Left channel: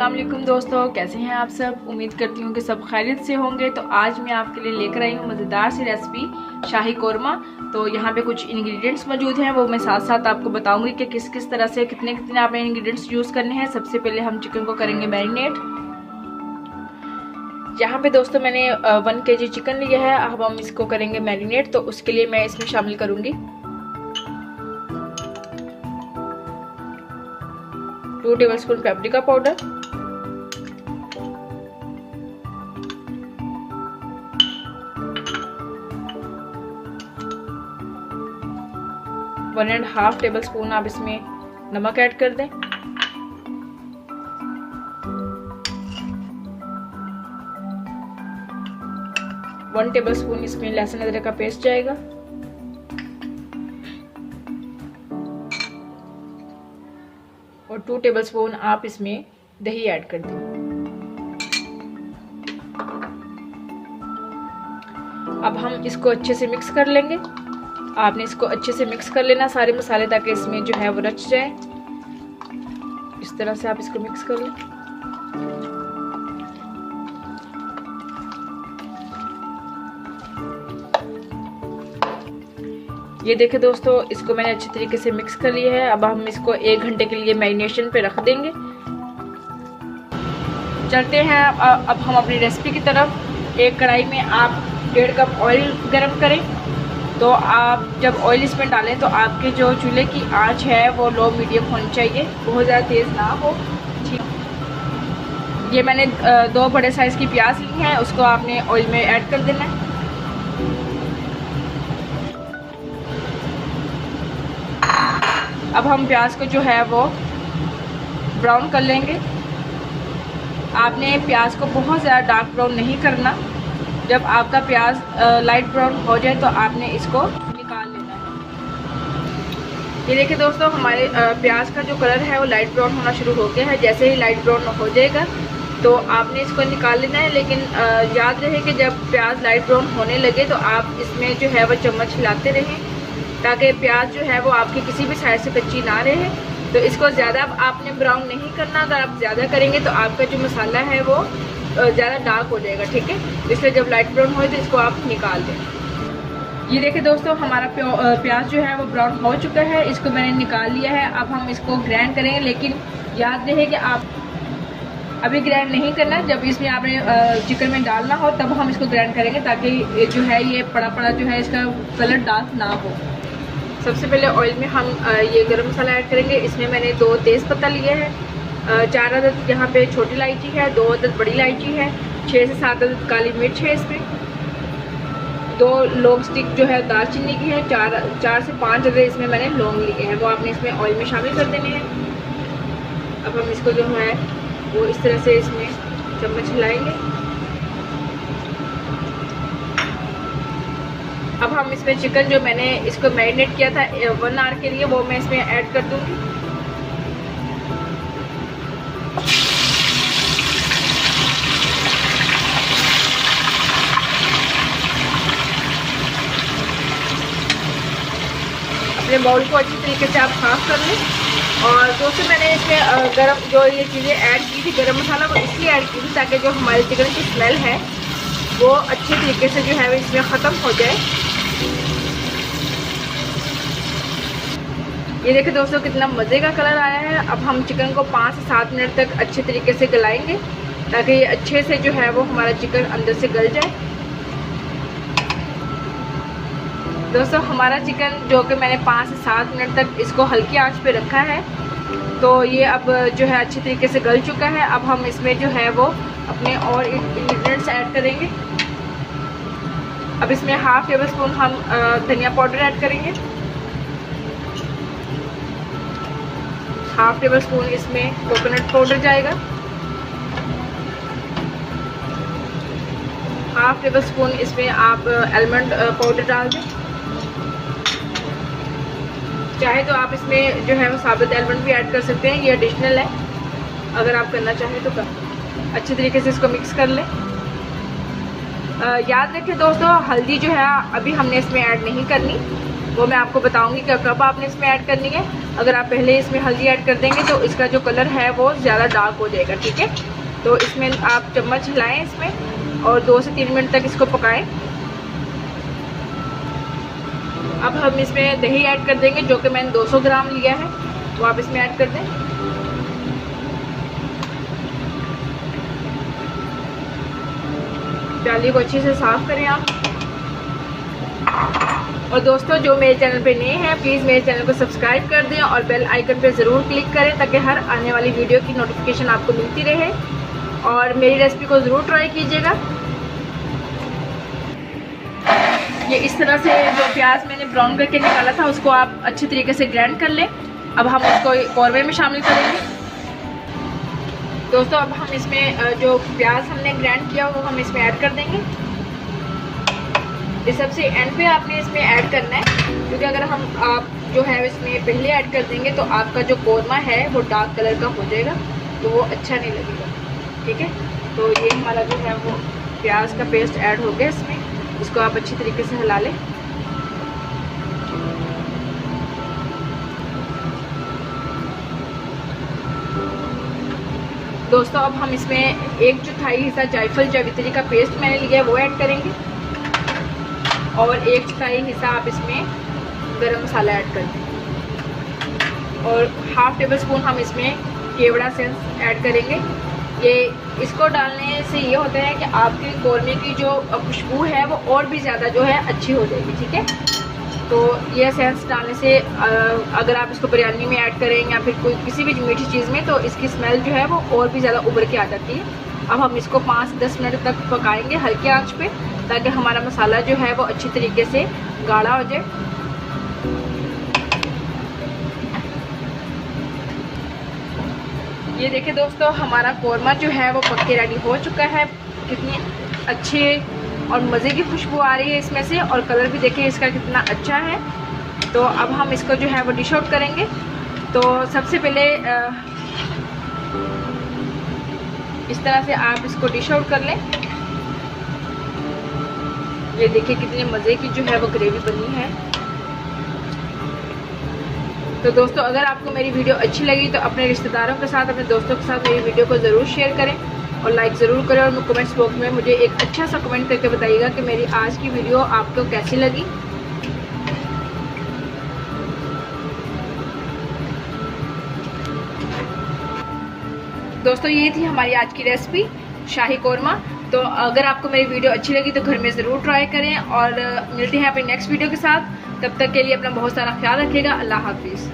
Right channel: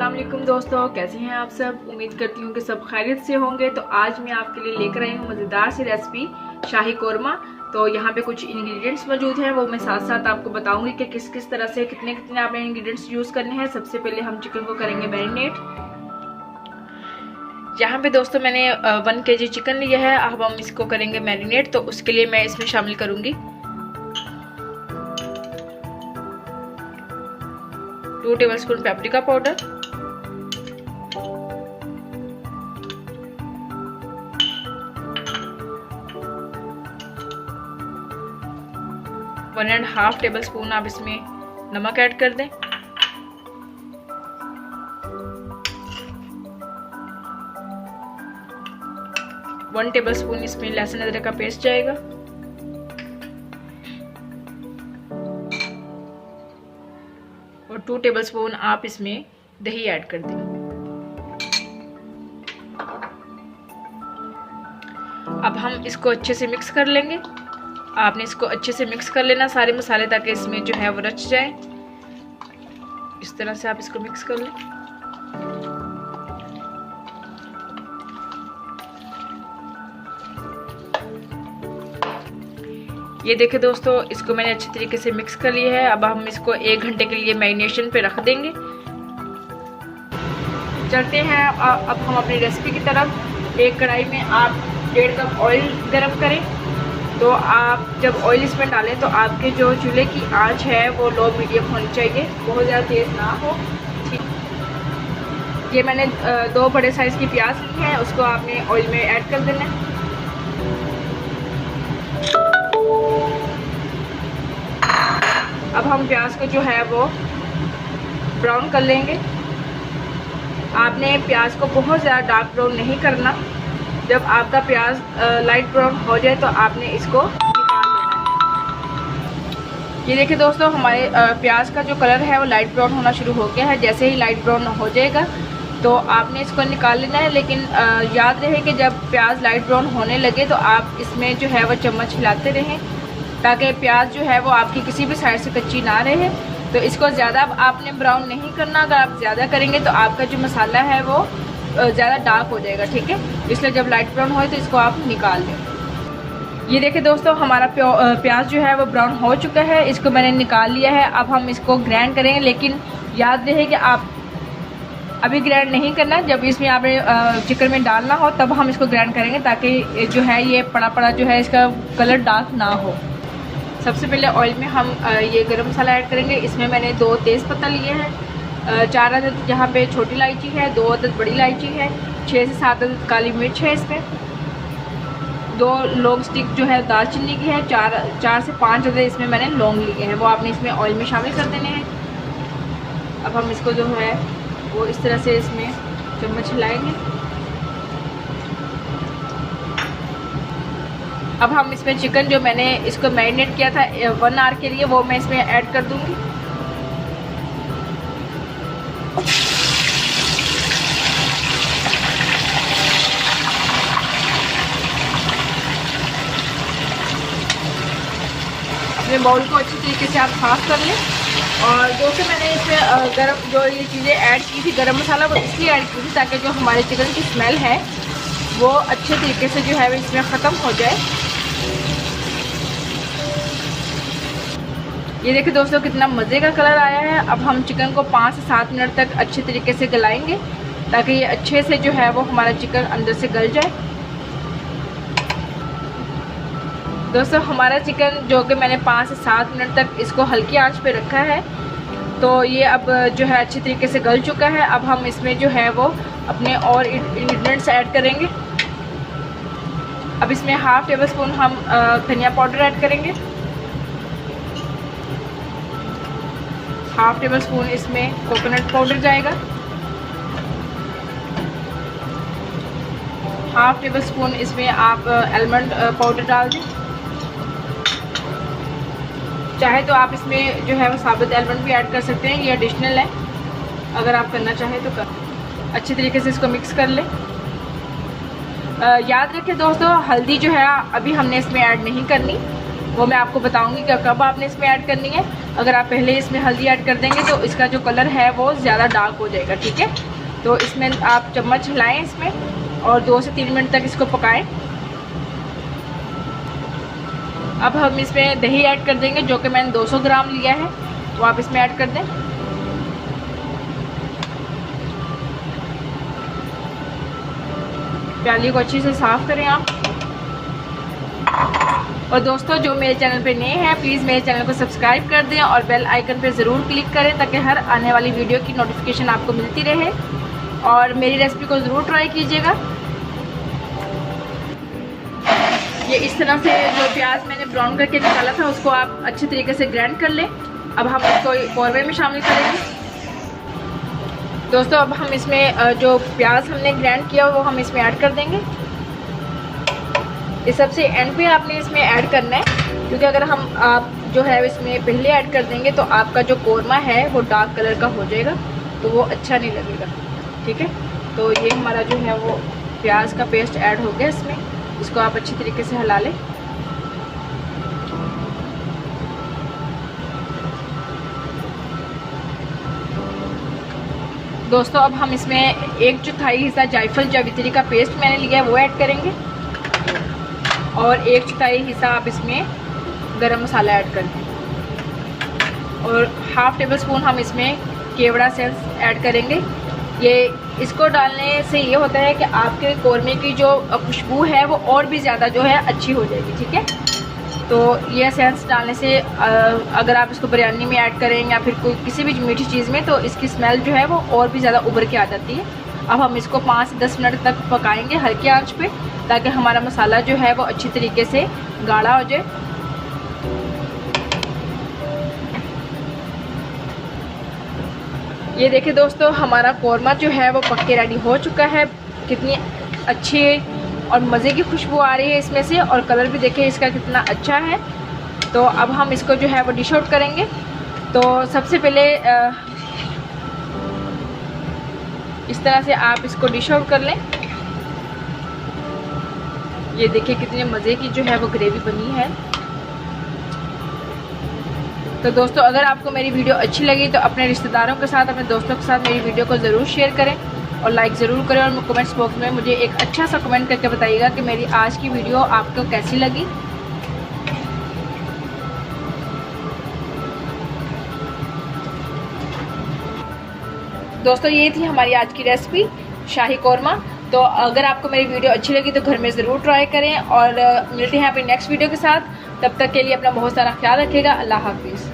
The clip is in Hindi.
अस्सलाम वालेकुम दोस्तों, कैसे हैं आप सब। उम्मीद करती हूँ कि सब खैरियत से होंगे। तो आज मैं आपके लिए लेकर आई हूँ मज़ेदार सी रेसिपी शाही कोरमा। तो यहाँ पे कुछ इंग्रेडिएंट्स मौजूद हैं, वो मैं साथ साथ आपको बताऊंगी कि किस किस तरह से कितने कितने आपने इंग्रेडिएंट्स यूज़ करने हैं। सबसे पहले हम चिकन को करेंगे मैरिनेट। यहाँ पे दोस्तों मैंने 1 kg चिकन लिया है। अब हम इसको करेंगे मैरिनेट। तो उसके लिए मैं इसमें शामिल करूँगी 2 टेबलस्पून पेपरिका पाउडर, 1.5 टेबलस्पून आप इसमें नमक ऐड कर दें। वन टेबलस्पून इसमें लहसुन अदरक का पेस्ट जाएगा। और 2 टेबलस्पून आप इसमें दही ऐड कर दें। अब हम इसको अच्छे से मिक्स कर लेंगे। आपने इसको अच्छे से मिक्स कर लेना सारे मसाले, ताकि इसमें जो है वो रच जाए। इस तरह से आप इसको मिक्स कर लें। ये देखिए दोस्तों, इसको मैंने अच्छे तरीके से मिक्स कर लिया है। अब हम इसको 1 घंटे के लिए मैरिनेशन पे रख देंगे। चलते हैं अब हम अपनी रेसिपी की तरफ। एक कढ़ाई में आप 1.5 कप ऑयल गर्म करें। तो आप जब ऑयल इसमें डालें तो आपके जो चूल्हे की आंच है वो लो मीडियम होनी चाहिए, बहुत ज़्यादा तेज़ ना हो। ठीक, ये मैंने 2 बड़े साइज़ की प्याज ली है, उसको आपने ऑयल में ऐड कर देना है। अब हम प्याज को जो है वो ब्राउन कर लेंगे। आपने प्याज को बहुत ज़्यादा डार्क ब्राउन नहीं करना। जब आपका प्याज लाइट ब्राउन हो जाए तो आपने इसको निकाल लेना है। ये देखिए दोस्तों, हमारे प्याज का जो कलर है वो लाइट ब्राउन होना शुरू हो गया है। जैसे ही लाइट ब्राउन हो जाएगा तो आपने इसको निकाल लेना है। लेकिन याद रहे कि जब प्याज लाइट ब्राउन होने लगे तो आप इसमें जो है वो चम्मच हिलाते रहें, ताकि प्याज जो है वो आपकी किसी भी साइड से कच्ची ना रहे। तो इसको ज़्यादा आपने ब्राउन नहीं करना। अगर आप ज़्यादा करेंगे तो आपका जो मसाला है वो ज़्यादा डार्क हो जाएगा। ठीक है, इसलिए जब लाइट ब्राउन हो तो इसको आप निकाल दें। ये देखिए दोस्तों, हमारा प्याज जो है वो ब्राउन हो चुका है। इसको मैंने निकाल लिया है। अब हम इसको ग्राइंड करेंगे। लेकिन याद रहे कि आप अभी ग्राइंड नहीं करना। जब इसमें आपने चिकन में डालना हो तब हम इसको ग्राइंड करेंगे, ताकि जो है ये पड़ा पड़ा जो है इसका कलर डार्क ना हो। सबसे पहले ऑयल में हम ये गरम मसाला ऐड करेंगे। इसमें मैंने 2 तेज़पत्ता लिए हैं, 4 अदद यहाँ पे छोटी इलायची है, 2 अदद बड़ी इलायची है, 6 से 7 अदद काली मिर्च है इसमें, 2 लौंग स्टिक जो है दालचीनी की है, 4 से 5 अदद इसमें मैंने लौंग लिए हैं, वो आपने इसमें ऑयल में शामिल कर देने हैं। अब हम इसको जो है वो इस तरह से इसमें चम्मच हिलाएंगे। अब हम इसमें चिकन जो मैंने इसको मैरिनेट किया था 1 आवर के लिए, वो मैं इसमें ऐड कर दूंगी। अपने बाउल को अच्छी तरीके से आप साफ कर लें। और दोस्तों, मैंने इसमें गरम जो ये चीज़ें ऐड की थी, गरम मसाला, वो इसलिए ऐड की थी ताकि जो हमारे चिकन की स्मेल है वो अच्छे तरीके से जो है वो इसमें ख़त्म हो जाए। ये देखिए दोस्तों, कितना मज़े का कलर आया है। अब हम चिकन को 5 से 7 मिनट तक अच्छे तरीके से गलाएंगे, ताकि ये अच्छे से जो है वो हमारा चिकन अंदर से गल जाए। दोस्तों, हमारा चिकन जो कि मैंने 5 से 7 मिनट तक इसको हल्की आंच पे रखा है, तो ये अब जो है अच्छी तरीके से गल चुका है। अब हम इसमें जो है वो अपने और इंग्रेडिएंट्स ऐड करेंगे। अब इसमें 1/2 टेबलस्पून हम धनिया पाउडर ऐड करेंगे, 1/2 टेबलस्पून इसमें कोकोनट पाउडर जाएगा, 1/2 टेबलस्पून इसमें आप आलमंड पाउडर डाल दें। चाहे तो आप इसमें जो है वो साबुत आलमंड भी ऐड कर सकते हैं, ये एडिशनल है, अगर आप करना चाहें तो कर। अच्छी तरीके से इसको मिक्स कर लें। याद रखें दोस्तों, हल्दी जो है अभी हमने इसमें ऐड नहीं करनी, वो मैं आपको बताऊंगी कि कब आपने इसमें ऐड करनी है। अगर आप पहले इसमें हल्दी ऐड कर देंगे तो इसका जो कलर है वो ज़्यादा डार्क हो जाएगा, ठीक है। तो इसमें आप चम्मच हिलाएं इसमें और 2 से 3 मिनट तक इसको पकाएं। अब हम इसमें दही ऐड कर देंगे, जो कि मैंने 200 ग्राम लिया है, वो आप इसमें ऐड कर दें। प्याली को अच्छे से साफ़ करें आप। और दोस्तों जो मेरे चैनल पे नए हैं प्लीज़ मेरे चैनल को सब्सक्राइब कर दें और बेल आइकन पे ज़रूर क्लिक करें ताकि हर आने वाली वीडियो की नोटिफिकेशन आपको मिलती रहे। और मेरी रेसिपी को ज़रूर ट्राई कीजिएगा। ये इस तरह से जो प्याज मैंने ब्राउन करके निकाला था उसको आप अच्छे तरीके से ग्राइंड कर लें। अब हम उसको कौरवे में शामिल करेंगे। दोस्तों अब हम इसमें जो प्याज हमने ग्राइंड किया वो हम इसमें ऐड कर देंगे। इस सबसे एंड पे आपने इसमें ऐड करना है, क्योंकि अगर आप जो है इसमें पहले ऐड कर देंगे तो आपका जो कौरमा है वो डार्क कलर का हो जाएगा, तो वो अच्छा नहीं लगेगा, ठीक है। तो ये हमारा जो है वो प्याज का पेस्ट ऐड हो गया इसमें। इसको आप अच्छी तरीके से हिला लें। दोस्तों अब हम इसमें 1/4 हिस्सा जायफल जावित्री का पेस्ट मैंने लिया है वो ऐड करेंगे और 1/4 हिस्सा आप इसमें गरम मसाला ऐड कर दें और 1/2 टेबल स्पून हम इसमें केवड़ा सेंस ऐड करेंगे। ये इसको डालने से ये होता है कि आपके कौरमे की जो खुशबू है वो और भी ज़्यादा जो है अच्छी हो जाएगी, ठीक है। तो ये सेंस डालने से अगर आप इसको बिरयानी में ऐड करें या फिर कोई किसी भी मीठी चीज़ में तो इसकी स्मेल जो है वो और भी ज़्यादा उभर के आ जाती है। अब हम इसको 5 से 10 मिनट तक पकाएंगे हल्के आंच पे, ताकि हमारा मसाला जो है वो अच्छी तरीके से गाढ़ा हो जाए। ये देखिए दोस्तों हमारा कौरमा जो है वो पक के रेडी हो चुका है। कितनी अच्छी और मज़े की खुशबू आ रही है इसमें से, और कलर भी देखिए इसका कितना अच्छा है। तो अब हम इसको जो है वो डिश आउट करेंगे। तो सबसे पहले इस तरह से आप इसको डिश आउट कर लें। ये देखिए कितने मज़े की जो है वो ग्रेवी बनी है। तो दोस्तों अगर आपको मेरी वीडियो अच्छी लगी तो अपने रिश्तेदारों के साथ, अपने दोस्तों के साथ मेरी वीडियो को ज़रूर शेयर करें और लाइक ज़रूर करें। और कमेंट्स बॉक्स में मुझे एक अच्छा सा कमेंट करके बताइएगा कि मेरी आज की वीडियो आपको कैसी लगी। दोस्तों ये थी हमारी आज की रेसिपी शाही कौरमा। तो अगर आपको मेरी वीडियो अच्छी लगी तो घर में ज़रूर ट्राई करें और मिलते हैं अपनी नेक्स्ट वीडियो के साथ। तब तक के लिए अपना बहुत सारा ख्याल रखिएगा। अल्लाह हाफिज़।